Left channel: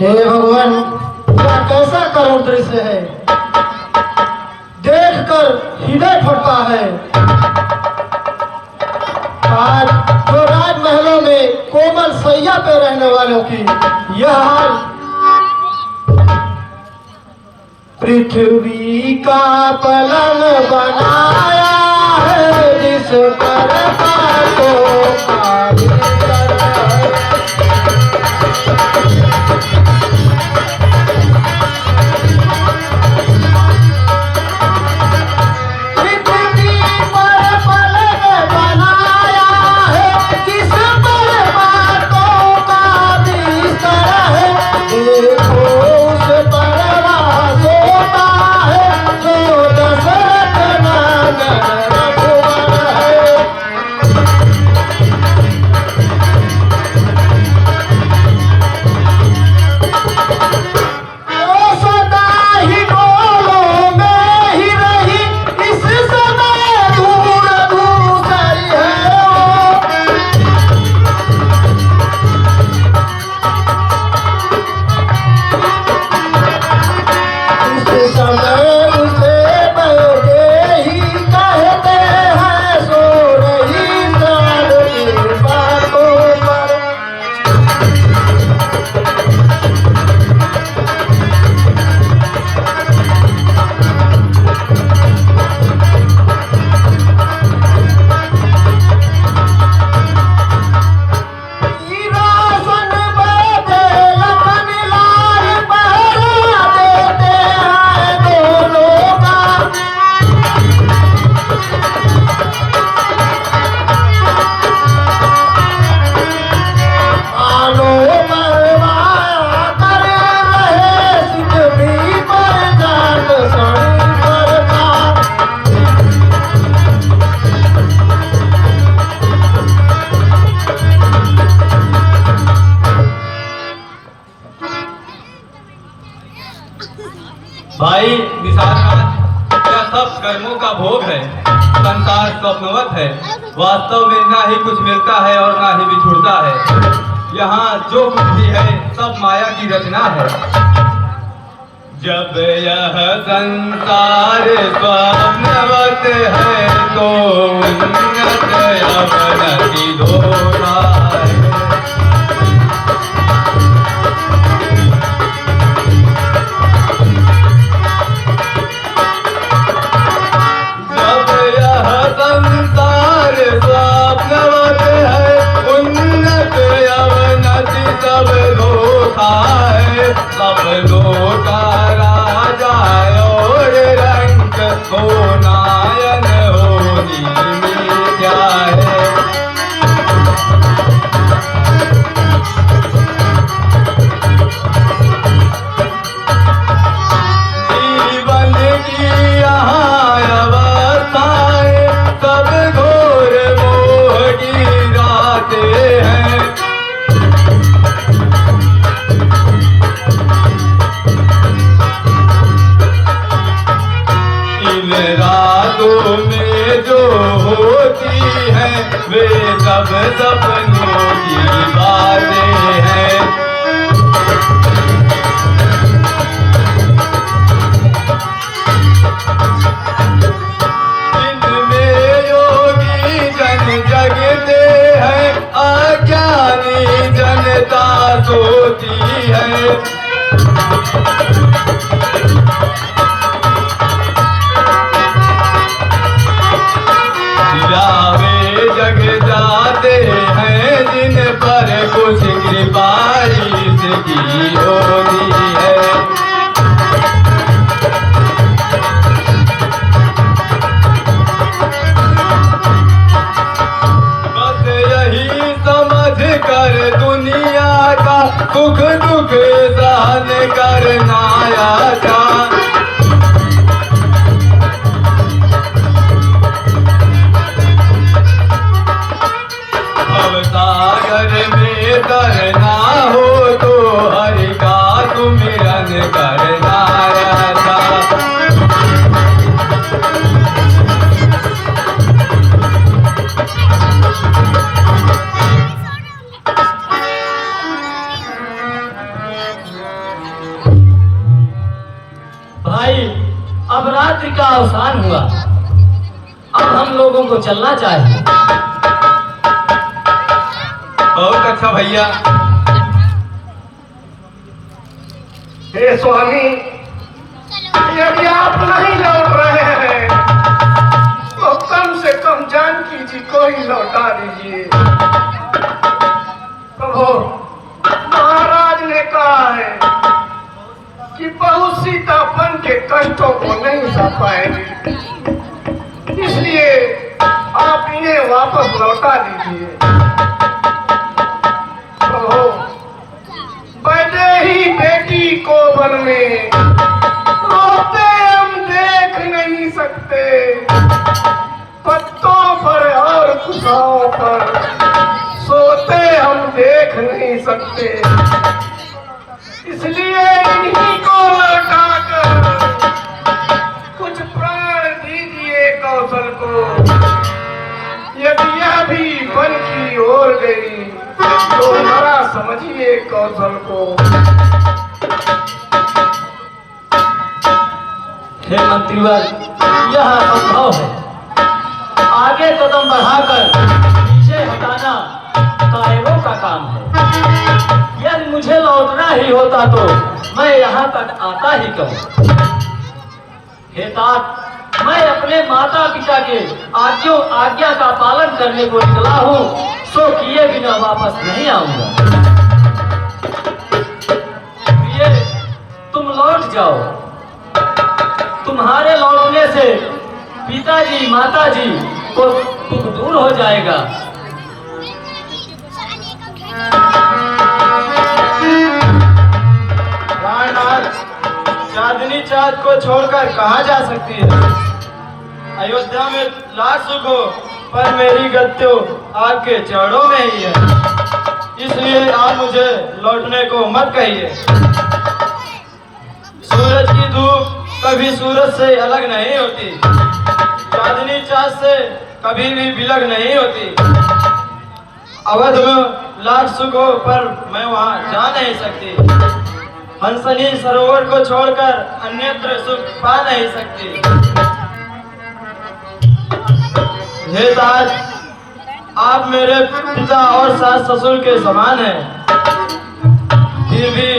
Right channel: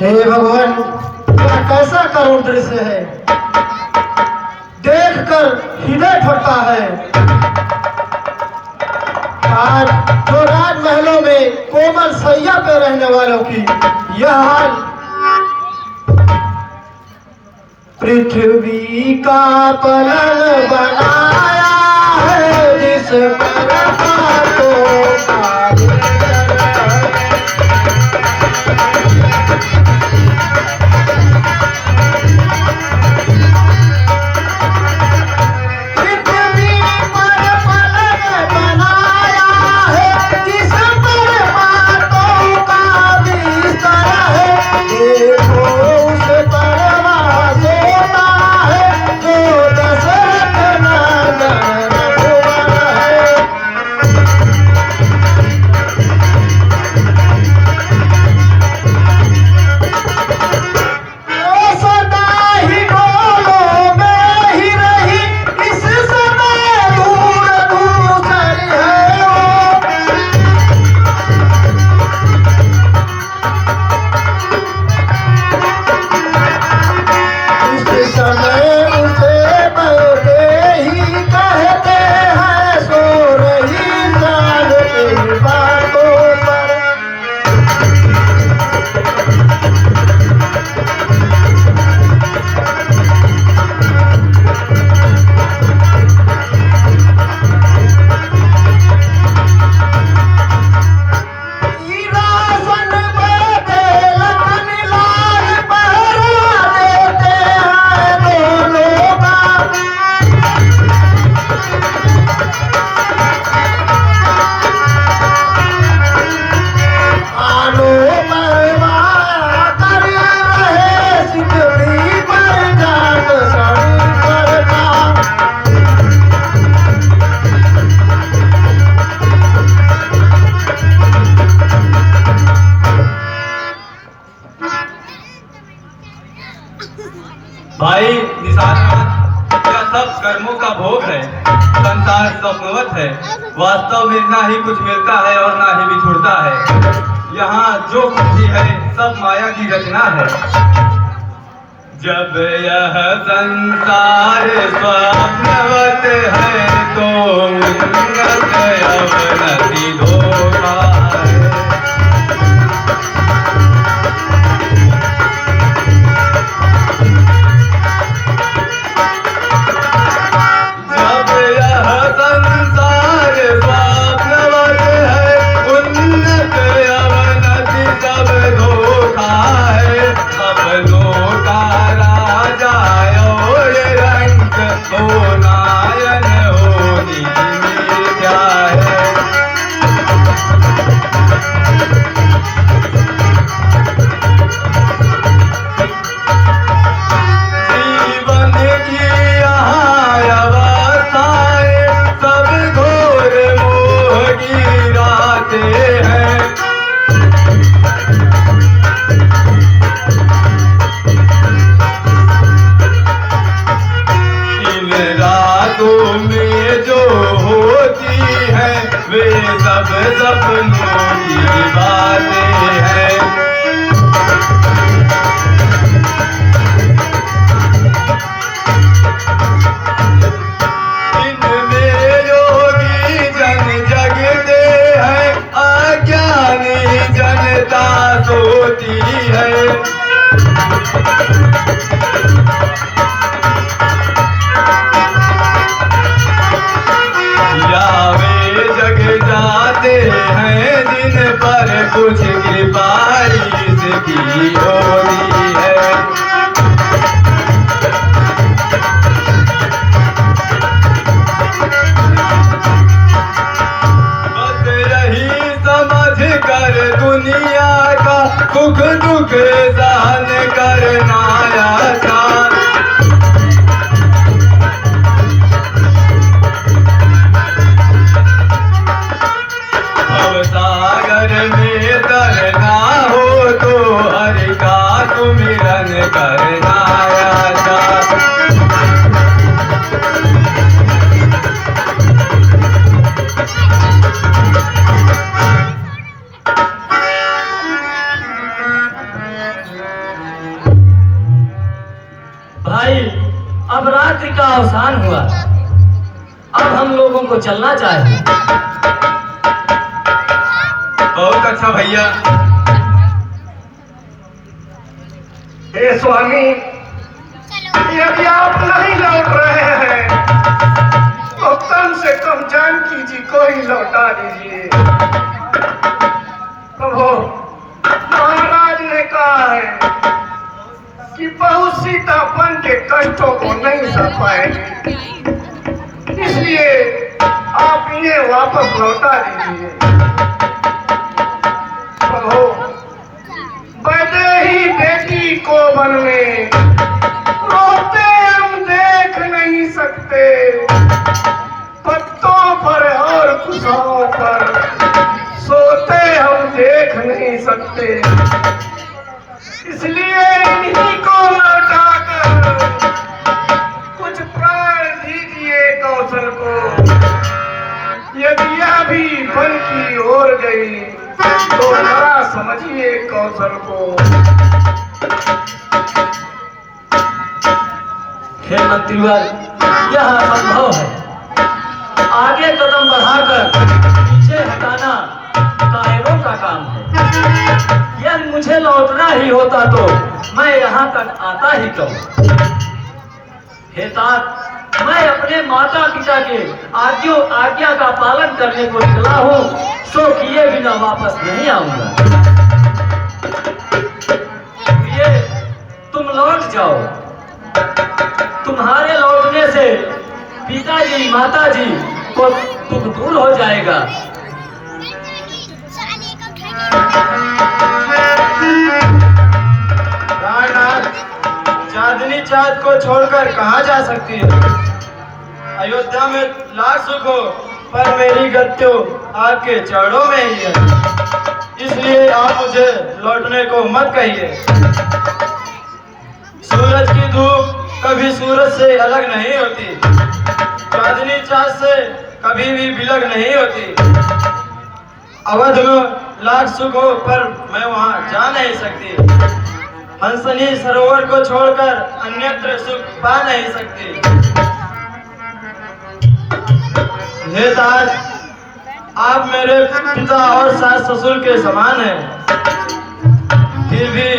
हे भगवान, यह कैसा करुण दृश्य है, देखकर हृदय फटता है। आज जो राजमहलों में कोमल सैया पे रहने वालों की यह हाल, पृथ्वी का पलन बनाया है जिस पर भाई निशाननाथ, यह सब कर्मों का भोग है। संसार स्वप्नवत है, वास्तव में ना ही कुछ मिलता है और ना ही बिछुड़ता है। यहाँ जो कुछ भी है सब माया की रचना है। जब यह संसार स्वप्नवत है तो उन्नत अवनति धोखा है। को चलना चाहिए। बहुत अच्छा भैया। हे स्वामी, यदि आप नहीं लौट रहे हैं तो कम से कम जानकी जी को ही लौटा दीजिए। प्रभु, महाराज ने कहा है कि बहू सीतापन के कष्टों को नहीं सह पाएगी, इसलिए आप इन्हें वापस लौटा दीजिए। प्रभु, ही बेटी को मन में रोते हम देख नहीं सकते, पत्तों पर और कुशाओं पर सोते हम देख नहीं सकते, इसलिए इन्हीं को लौटाकर कुछ प्राण दीजिए कौशल को। यदि यह भी वन की ओर गई तो बड़ा समझिए कौशल को। हे मंत्रीवर, यह असंभव है। आगे कदम बढ़ाकर पीछे हटाना कायरों का काम है। यदि मुझे लौटना ही होता तो मैं यहाँ तक आता ही क्यों। हे तात, मैं अपने माता पिता के आज्ञा का पालन करने को निकला हूँ, सो किए बिना वापस नहीं आऊंगा। ये तुम लौट जाओ। तुम्हारे लौटने से पिताजी माताजी को दुख दूर हो जाएगा। रायनाथ, चांदनी चाँद को छोड़कर कहाँ जा सकती है? अयोध्या में लाख सुख हो, पर मेरी गद्दो आपके चरणों में ही है, इसलिए आप मुझे लौटने को मत कहिए। सूरज की धूप कभी सूरज से अलग नहीं होती, चांदनी चाँद से कभी भी बिलग नहीं होती। अवध में लाख सुख हो, पर मैं वहाँ जा नहीं सकती। हंसनी सरोवर को छोड़कर अन्यत्र सुख पा नहीं सकती। हे तात, आप मेरे पिता और सास ससुर के समान हैं, फिर भी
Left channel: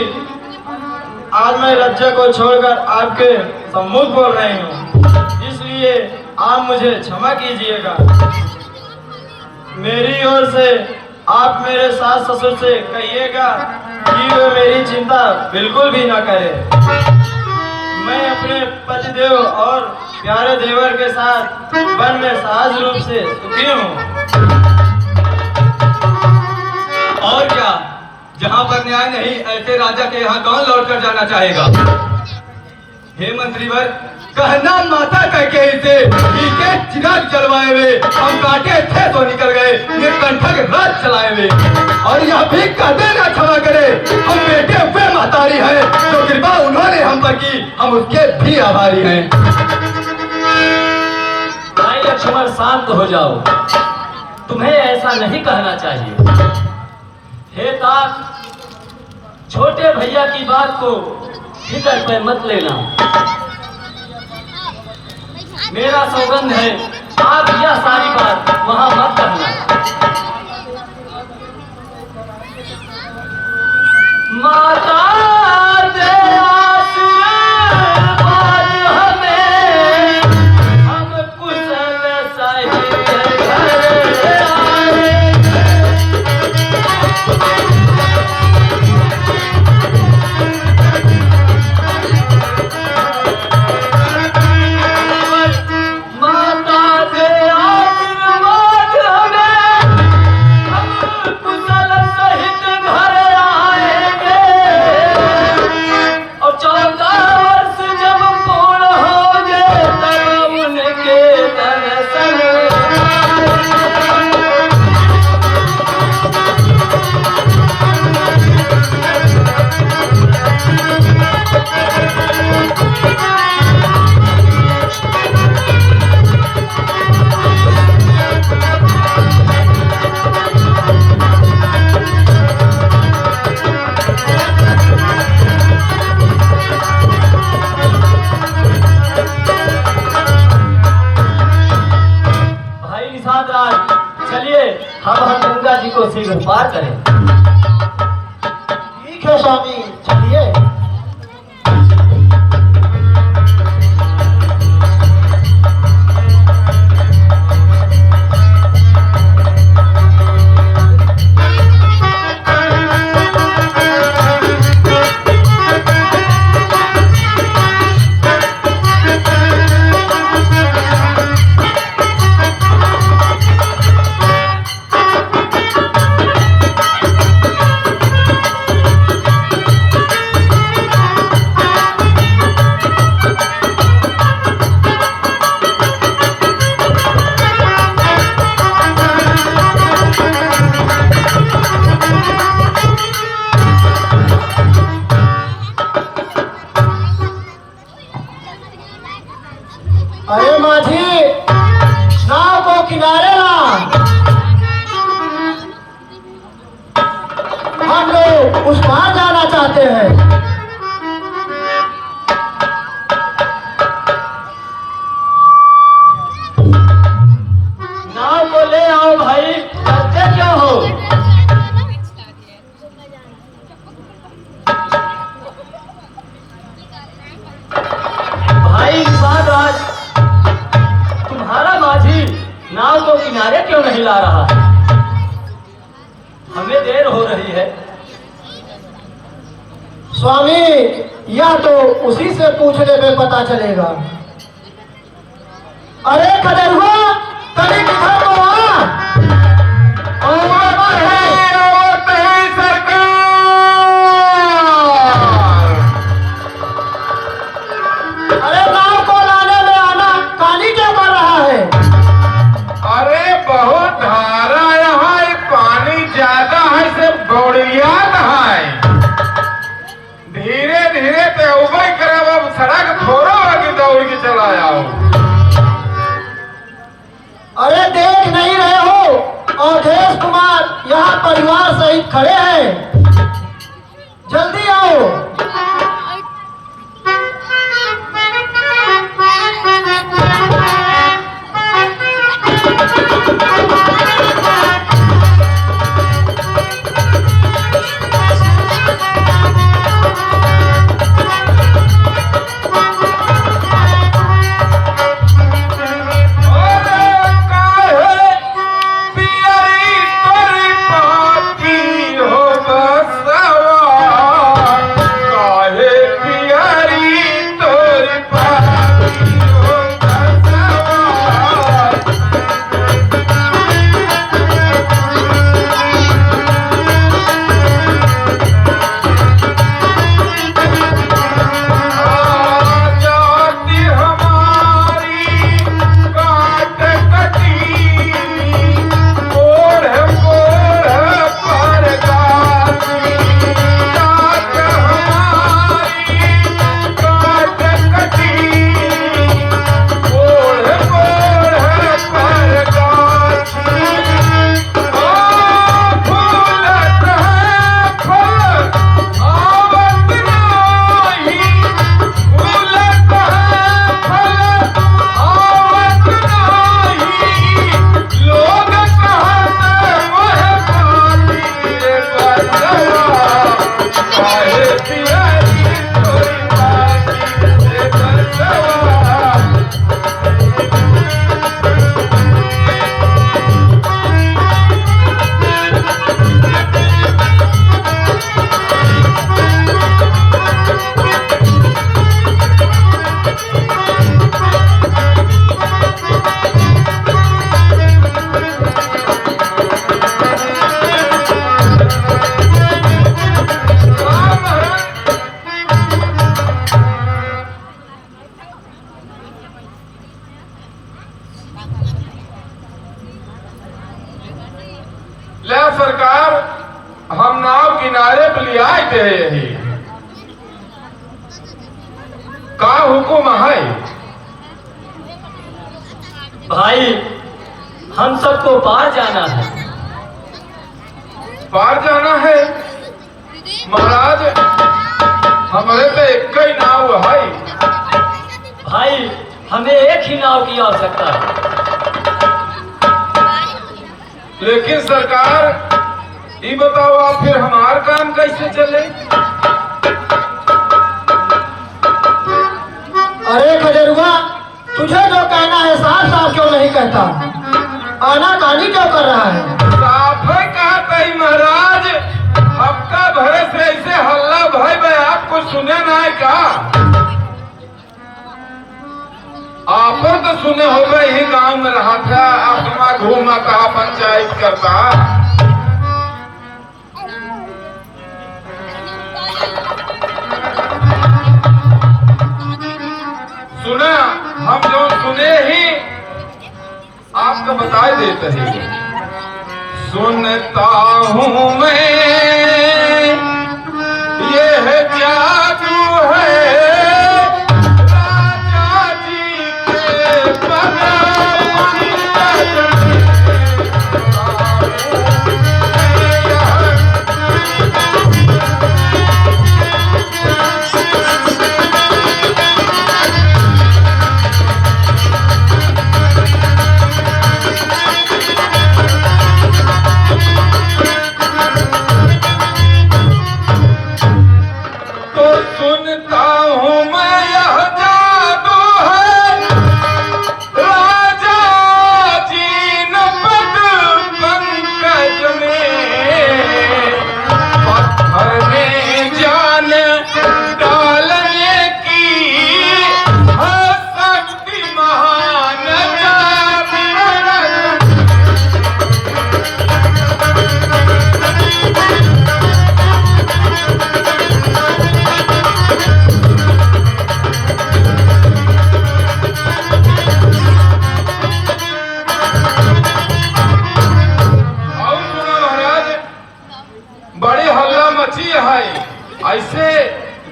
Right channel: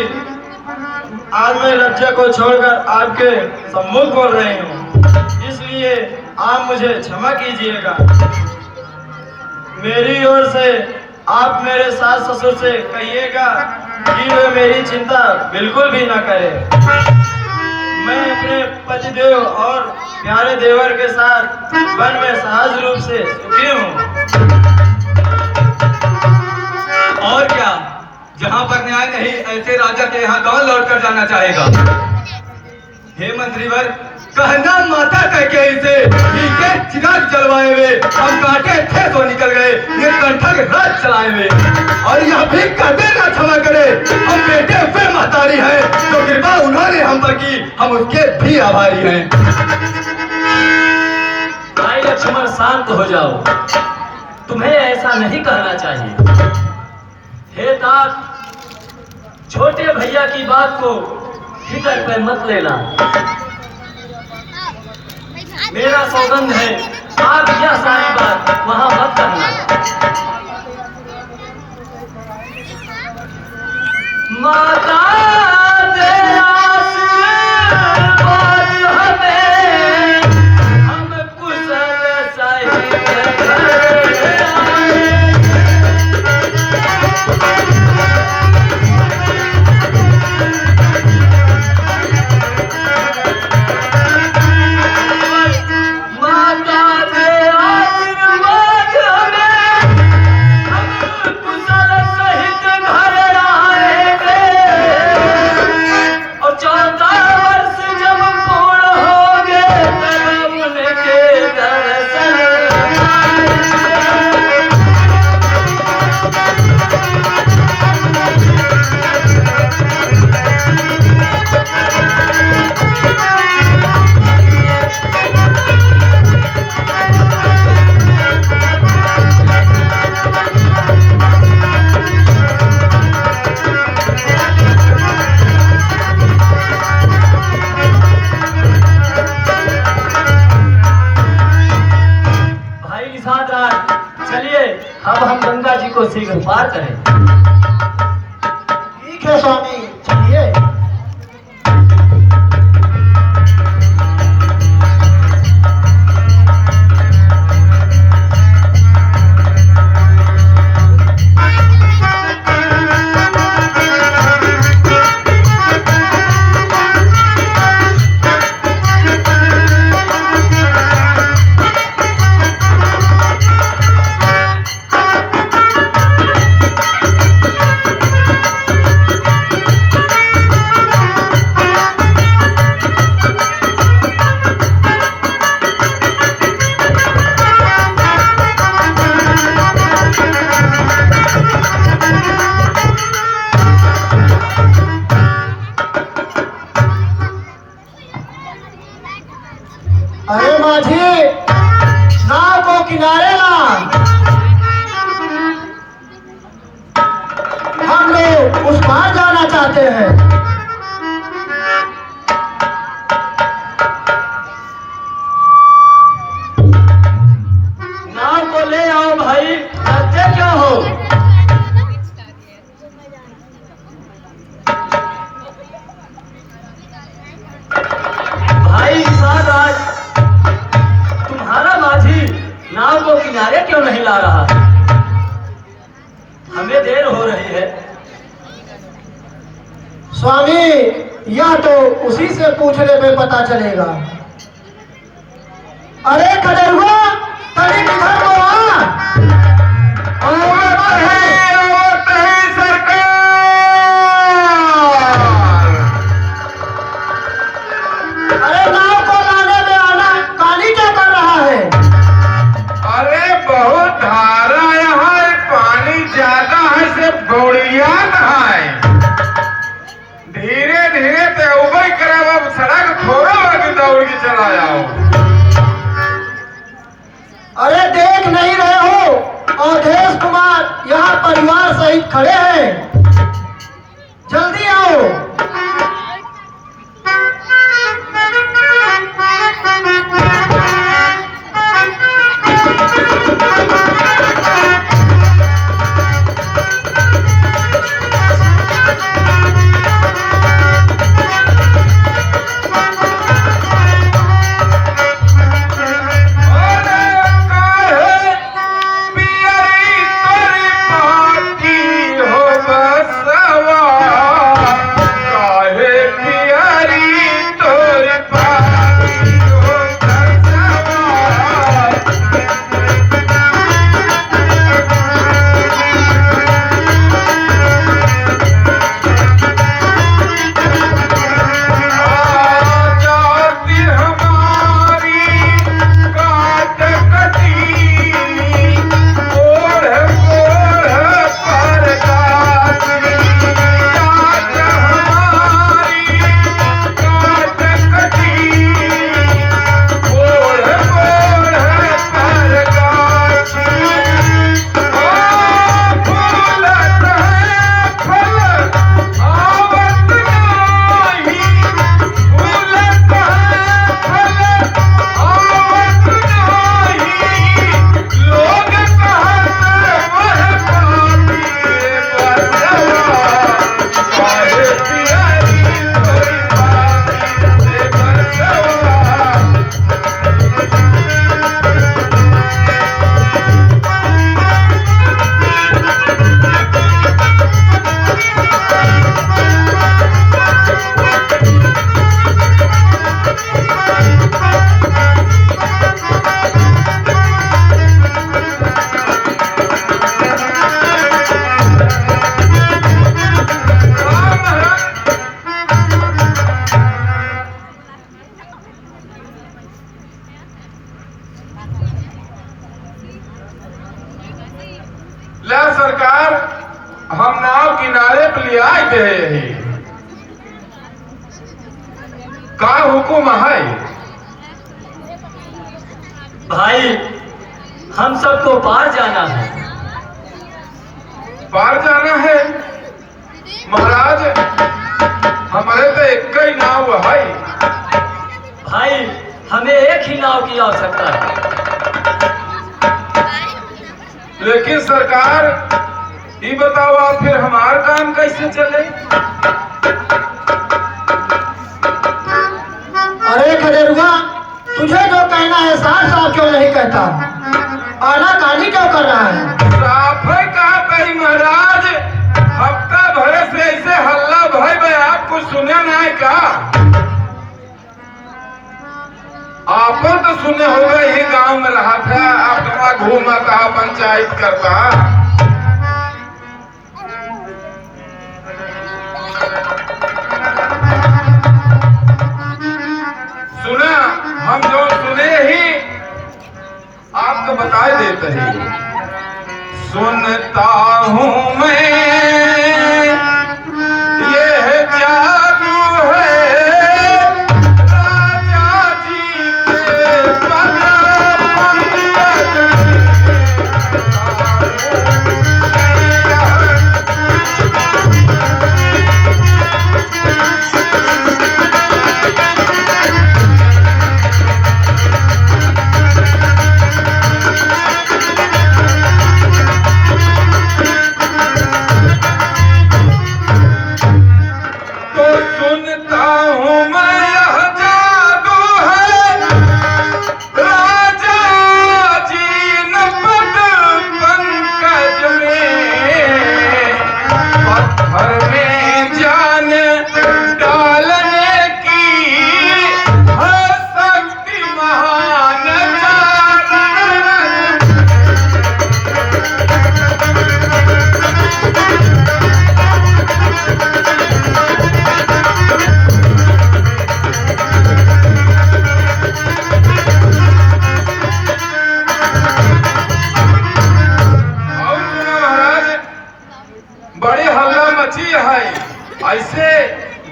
आज मैं राज्य को छोड़कर आपके सम्मुख बोल रही हूँ, इसलिए आप मुझे क्षमा कीजिएगा। मेरी ओर से आप मेरे सास ससुर से कहिएगा कि वे मेरी चिंता बिल्कुल भी न करें। मैं अपने पतिदेव और प्यारे देवर के साथ वन में सहज रूप से सुखी हूँ। और क्या, जहाँ पर न्याय नहीं, ऐसे राजा के यहाँ कौन लौट कर जाना चाहेगा। हे मंत्रीवर, कहना माता कह के इसे चिराग जलवाए हुए हम काटे थे तो निकल गए, ये कंठक राज चलाए हुए, और यह भी कहते ना क्षमा करे, हम बेटे वे महतारी हैं जो कृपा उन्होंने हम पर की, हम उसके भी आभारी हैं। भाई लक्ष्मण, शांत हो जाओ, तुम्हें ऐसा नहीं कहना चाहिए। हे तात, छोटे भैया की बात को फिकर पे मत लेना। मेरा सौगंध है, आप यह सारी बात वहां मत करना। माता दे आशीर्वाद हमें, हम कुशल सही माता दे आशीर्वाद हम गंगा जी को शीघ्र पार करें। ठीक है स्वामी, चलिए। अरे माझी, नाव को किनारे ला। हम लोग उस पार जाना चाहते हैं। नाव को ले आओ भाई, डरते क्यों हो? भाई सादाज, तुम्हारा माझी नाव को किनारे क्यों नहीं ला रहा? हमें देर हो रही है। स्वामी, यह तो उसी से पूछने में पता चलेगा। अरे कदरुआ, तने किधर को आ? अरे नाव को लाने में आना, पानी क्या कर रहा है? अरे बहुत धारा यहाँ, पानी ज्यादा है से बढ़िया कहाँ है। धीरे धीरे ते उबई करे, अब सड़क थोड़ा आगे दौड़ के चला जाओ। अरे देख नहीं रहे हो, अवधेश कुमार यहाँ परिवार सहित खड़े हैं। जल्दी आओ। ले सरकार, हम नाव किनारे पे ले आए थे। यही का हुकुम है? भाई, हम सबको पार जाना है। पार जाना है महाराज, हमारे तो एक ही नाव है। भाई, हमें एक ही नाव की आवश्यकता है। लेकिन सरकार ये बताओ फिर हमार काम कैसे चले? अरे खजरुआ, तुझे जो कहना है साफ साफ क्यों नहीं कहता? आनाकानी क्यों कर रहा है? साफ है कहा तही महाराज, हफ्ता भर से ऐसे हल्ला भाई भाई आपको सुने ना है का? आप तो सुने हो गए ही गांव में रहा था, अपना घूमा था, पंचायत करता। सुना हम जो सुने ही आपको बता देते हैं। सुनता हूँ मैं ये है जादू है राजा जी के ऐसे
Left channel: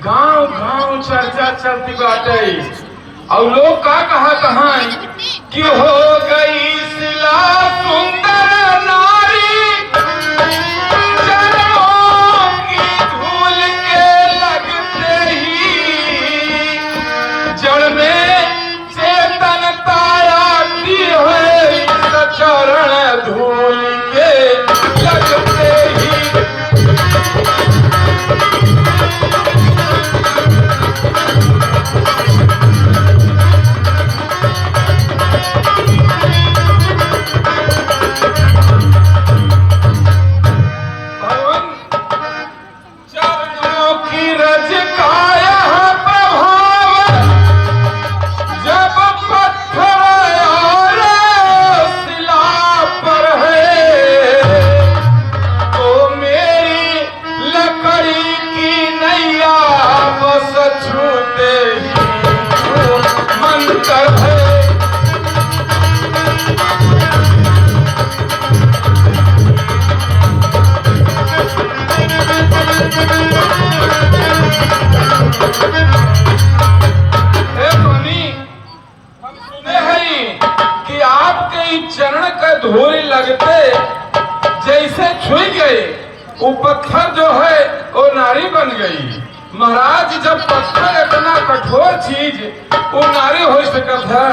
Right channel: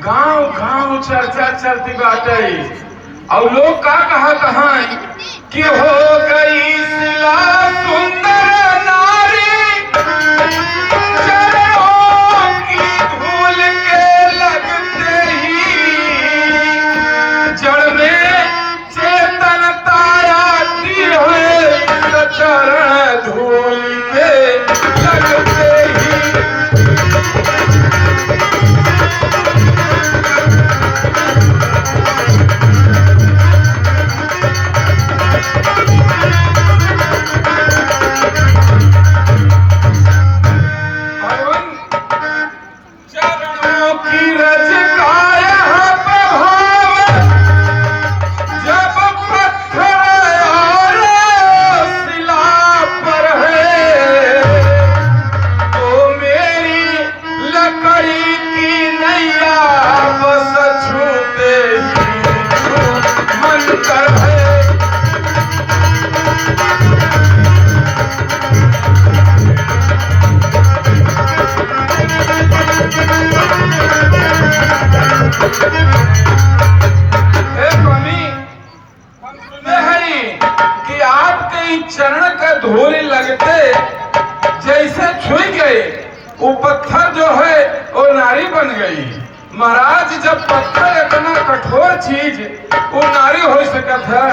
गांव गांव चर्चा चलती बाटे और लोग का कहा कि हो गई सिला सुंदर नारी चरणों की धूल के लगते ही जड़ में चेतनता आती है चरण धूल के लगते ही। चरण का धूल लगते जैसे छुई गए वो पत्थर जो है वो नारी बन गई। महाराज जब पत्थर इतना कठोर चीज वो नारी हो सकत है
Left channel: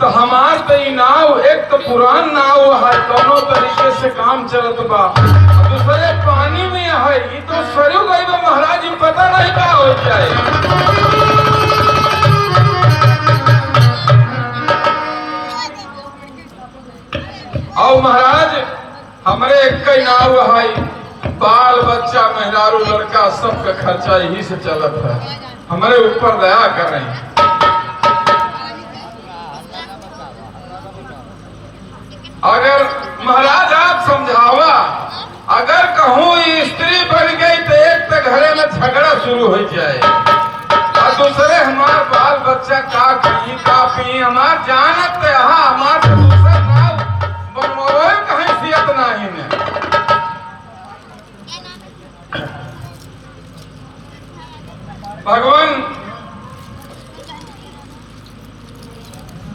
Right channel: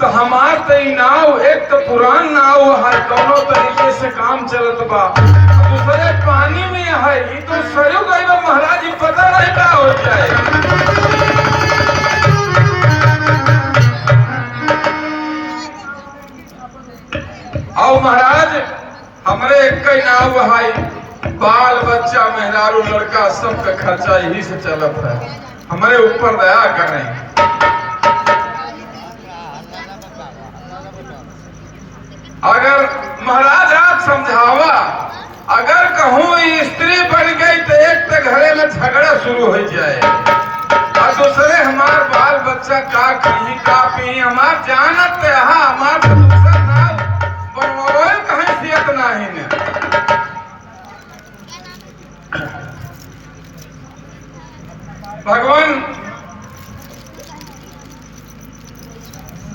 तो हमार तो नाव एक तो पुरान नाव है, दोनों तरीके से काम चलत बा, दूसरे पानी में है ये तो सरयू गई बा महाराज, ये पता नहीं क्या होता है। और महाराज हमारे एक कई नाव है, बाल बच्चा मेहरारू लड़का सबका खर्चा यही से चलत है, हमारे ऊपर दया करें। अगर महाराज आप समझावा, अगर कहूँ स्त्री बन गई तो एक तो घरे में झगड़ा शुरू हो जाए और दूसरे हमार बाल बच्चा का खाई का पी हमार जानत हमार दूसरा नाव बनवावे का हैसियत नहीं है। भगवान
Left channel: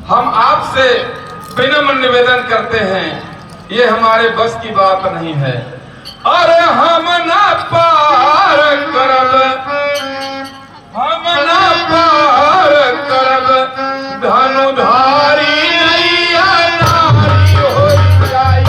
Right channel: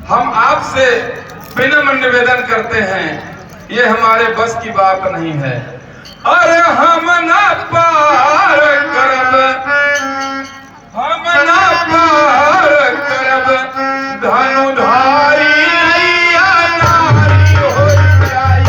हम आपसे विनम्र निवेदन करते हैं, ये हमारे बस की बात नहीं है। अरे हम न पार करब, हम न पार करब धनुधारी नैया नारी हो जाई।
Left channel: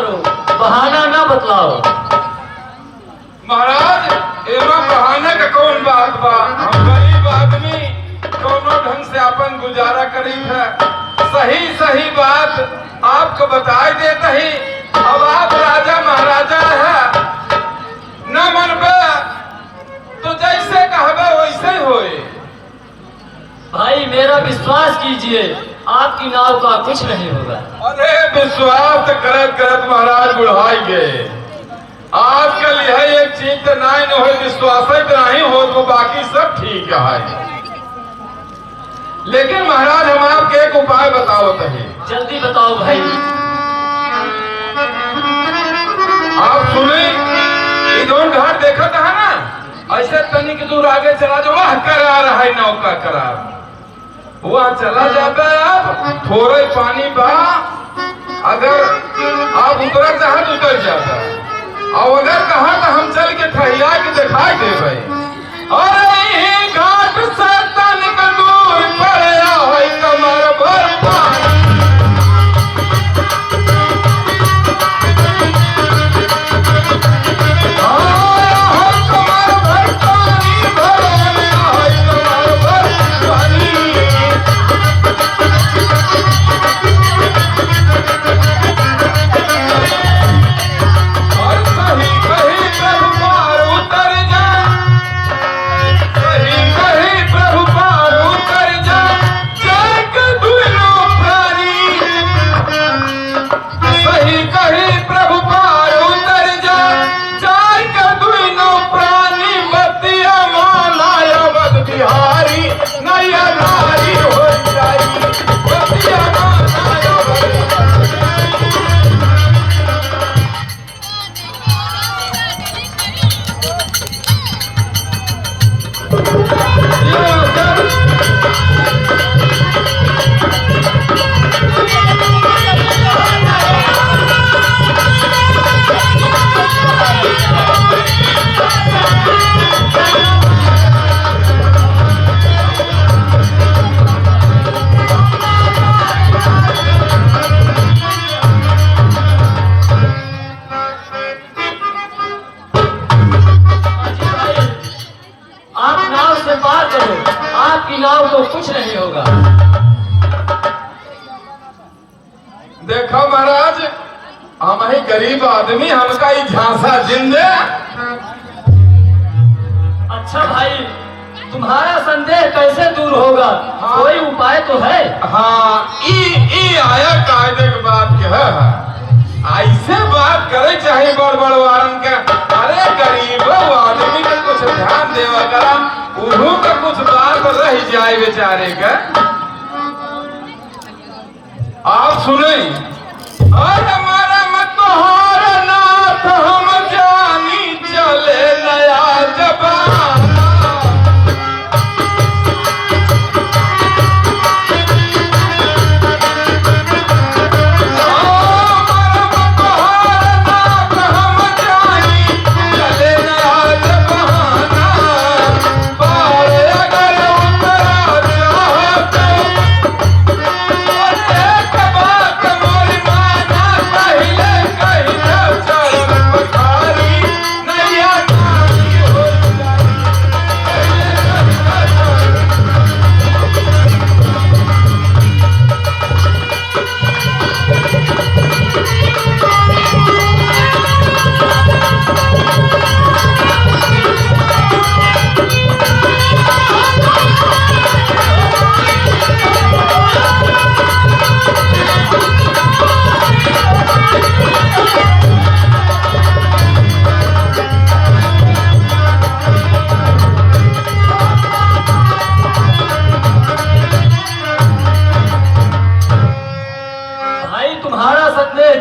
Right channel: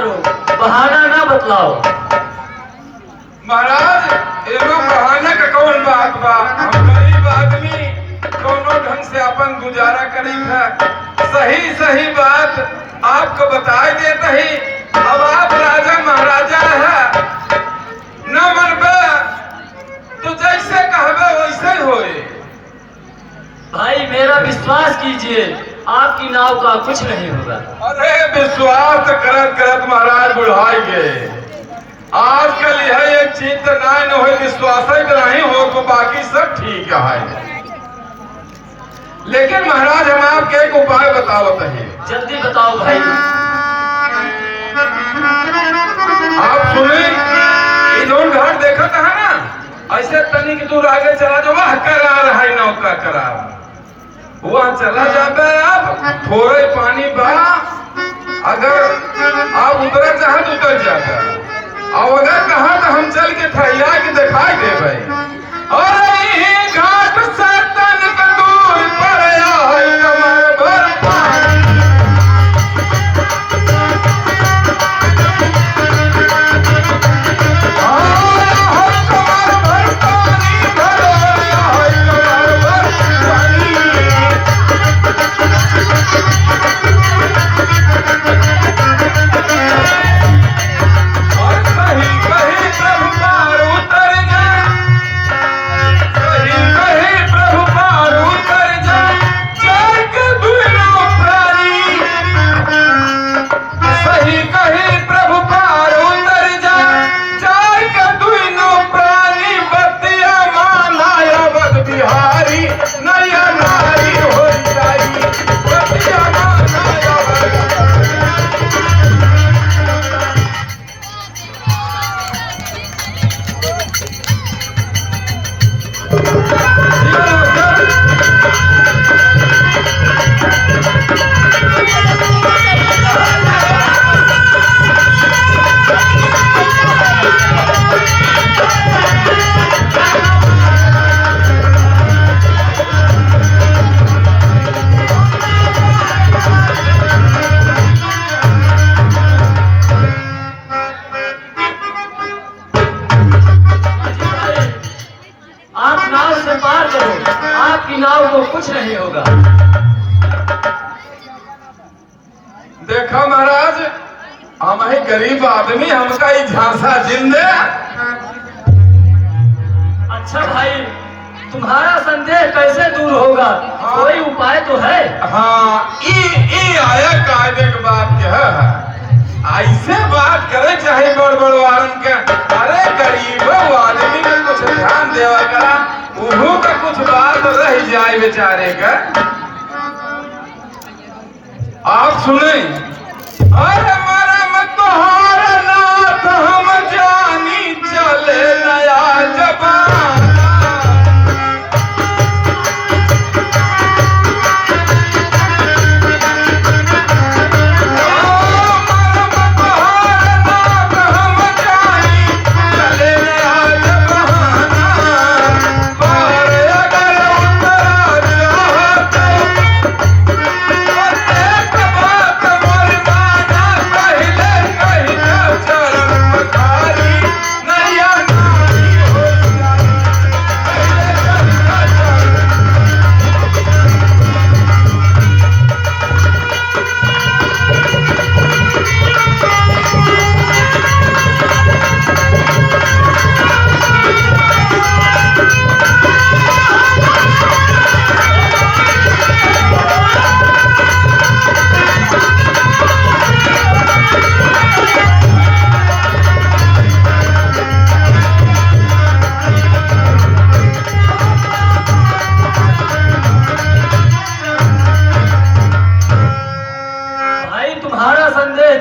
करो, बहाना ना बतलाओ। महाराज एवं बहाने का कौन बात बा? हम गरीब आदमी दोनों ढंग से अपन गुजारा करी है। सही सही बात आपको बताए देते ही। अब आप राजा महाराजा है न मरबे तो जैसे कहबे वैसे होए। भाई मेरा विश्वास कीजिए, आपकी नाव का कुछ नहीं होगा। अरे विश्वास करत करत महाराज बुढ़ाई गए। आजकल यह एक चीज तो नहीं न हो, विश्वास नहीं हो तो बाकी सब ठीक है। लेकिन महाराज हम आपके एक उपाय बताओ तहे। जल्दी बताओ भाई। आप सुने इधर घर देखत है ना, ऐसे तनिक दूर आगे चला जो वह करार है नौका करार, वह चला जाता है। आप थोड़े पानी बा, अगर आप उतर चाहे तो उतर जाता है, और अगर कहा तो हम चल के ठहिया के दिखाई दे भाई। और यही घाट से तनिक दूर पड़े है कमर भर पानी। देखा महाराज हम ही गरीब आदमी, हमका ही झांसा जिंदे। अच्छा भाई, तुम्हारा संदेह कैसे दूर होगा? कोई उपाय तो है? हाँ, ई आया कायदे की बात क्या है? ऐसे बात करे चाहे बड़ बड़ वारन के। अरे गरीब आदमी के कुछ ध्यान देवा करा, उन्हों का कुछ बात रह जाए बेचारे का। आप सुने, अरे मेरा मतहार नाथ हम जानी चले नया जबान।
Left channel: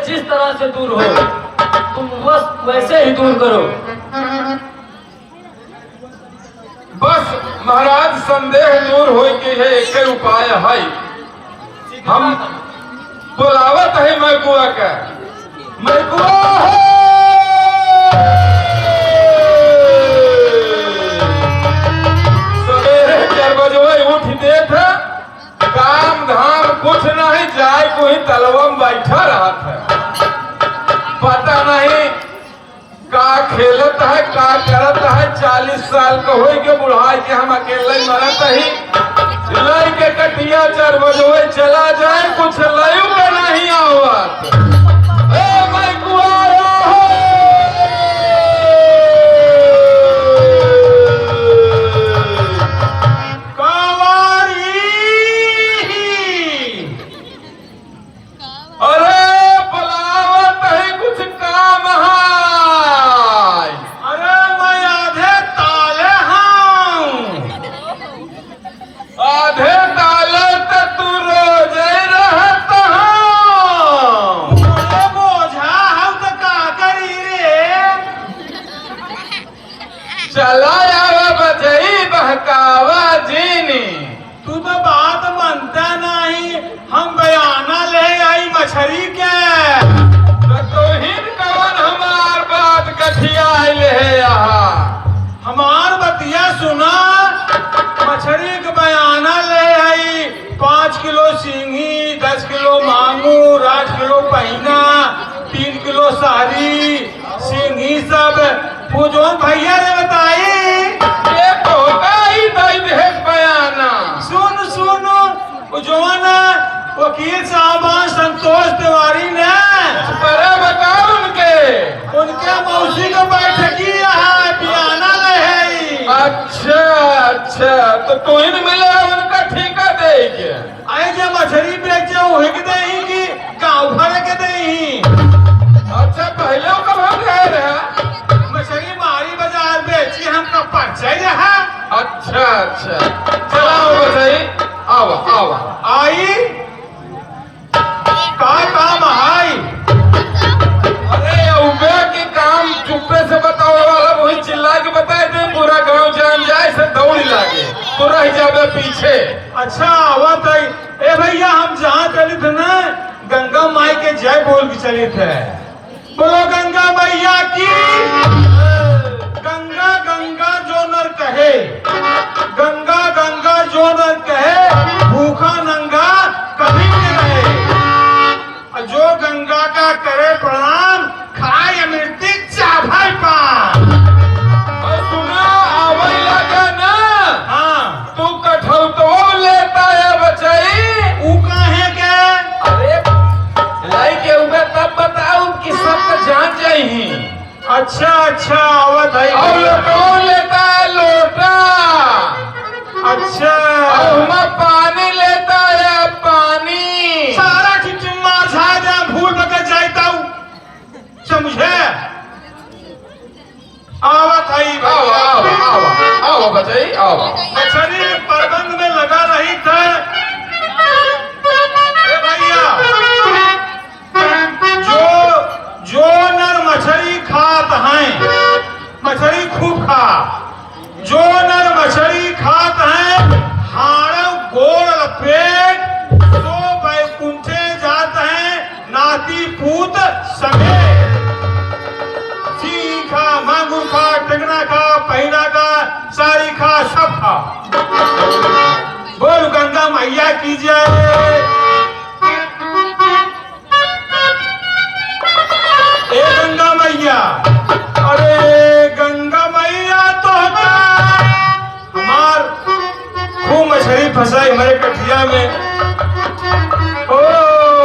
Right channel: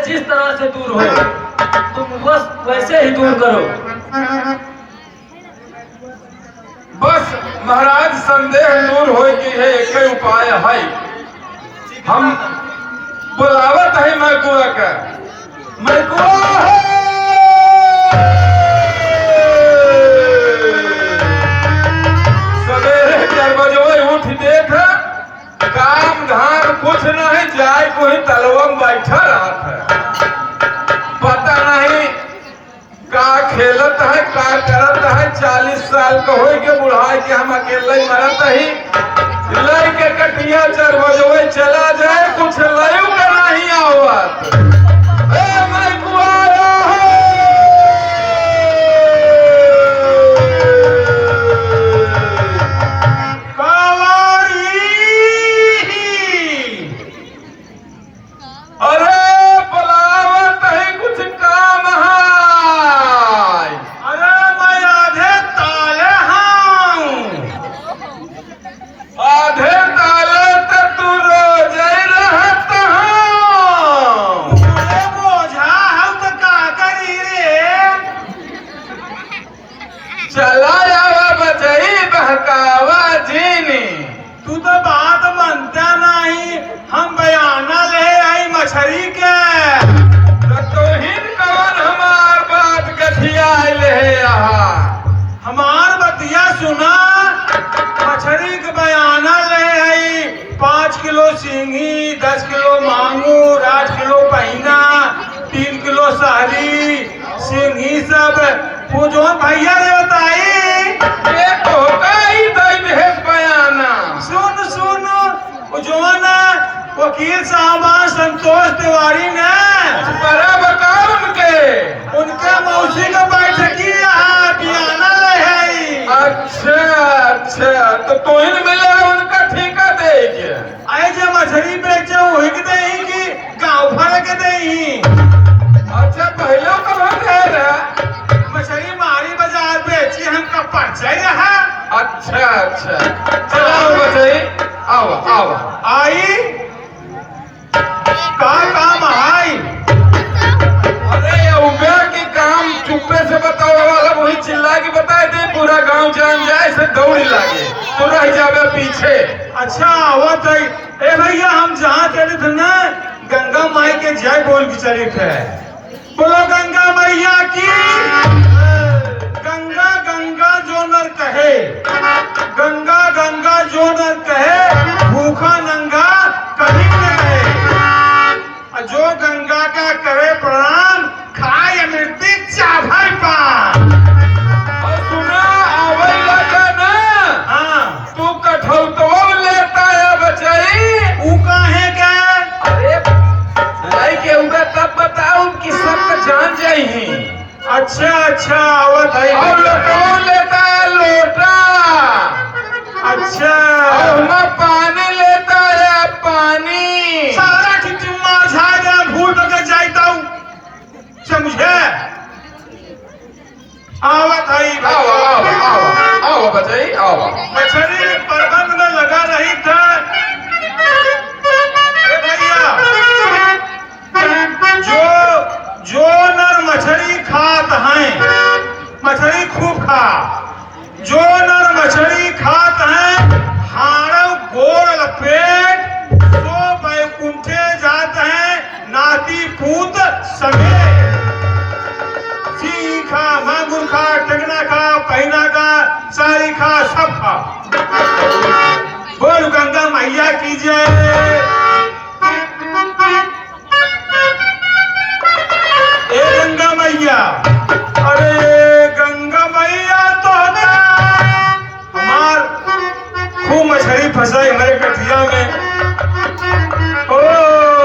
जिस तरह से दूर हो तुम बस वैसे ही दूर करो। बस महाराज संदेह दूर हो के है, एक उपाय है। हम बुलावत है मैकुआ का। मैकुआ सवेरे 4 बजे उठ देख, काम धाम कुछ नहीं, जाए कोई तलवा में बैठा रहा था। खेलत है का करत है 40 साल का हो के बुढ़ाई के हम अकेले मरत ही लई के कटिया 4 बजे चला जाए कुछ लयू के नहीं आवत ए मैं कुआरा अरे बुलावत है कुछ काम है अरे मैं आधे ताले हूँ। आधे ताले तो तू रोज ही रहत हो मुझे बोझा हूँ तो का करी रे। चला आवा बजई बहकावा जीनी तू तो बात मानता नहीं। हम बयाना ले आई मछली के। तो तोहिन कवन हमार बात गठिया ले यहाँ हमार बतिया सुना। मछली के बयाना ले आई 5 किलो सिंगी, 10 किलो मांगूर, 8 किलो पहिना, 3 किलो सारी सिंगी सब पूजोन भैया ने बताई। ये तो ही दई भेज बयाना सुन सुन पूजोन वकील साहब संतोष तिवारी ने पर बता उनके मौसी के बैठकी यहाँ बयाना ले है। अच्छा अच्छा तो तोहिन मिले उनका ठेका दे के आई जे मछली बेचा वही के दही की गाँव भर के दही। अच्छा पहले कब रहे रहा मछली मारी बाजार बेची हमका परिचय रहा। अच्छा अच्छा चलाओ बचाई आओ आओ आई का काम आई। अरे ये उबे के काम चुप्पे से बताओ वाला वही चिल्ला के बताए दे पूरा गांव जान जाए से दौड़ लागे तू रह जाबे पीछे अच्छा आवत है। ए भैया हम जहाँ चले थे ना गंगा माई के जय बोल के चले थे। बोलो गंगा मैया की। गंगा गंगा जो नर कहे, गंगा गंगा जो नर कहे, भूखा नंगा कहीं न रहे। जो गंगा का करे प्रणाम, खाए मृत्यु चाभाई पान। और सुनो आवे लगा ना हाँ तू कठौतो लेता है बचाई ऊ काहे के। अरे लाई के उधर तब बताऊं कि सब तो जान जाही अच्छा अच्छा आवत है। और लोटो लेता है लोटा अच्छा और हम पानी लेता है पानी सारा ठिठुमा झाड़ा भूल के जाता हूँ समझे। आवत है आओ आओ आओ आओ बचाई आओ मछली प्रबंध में लगा रही था। ए भैया जो नर मछली खात हैं मछली खूब खा। जो नर मछली खात हैं हाड़व गोड़ पेट तो बैकुंठे जात हैं नाती पूत समेत। सिंह खा, मांगूर खा, टेंगना खा, पहिना खा, सारी खा, सब खा। बोल गंगा मैया की जय।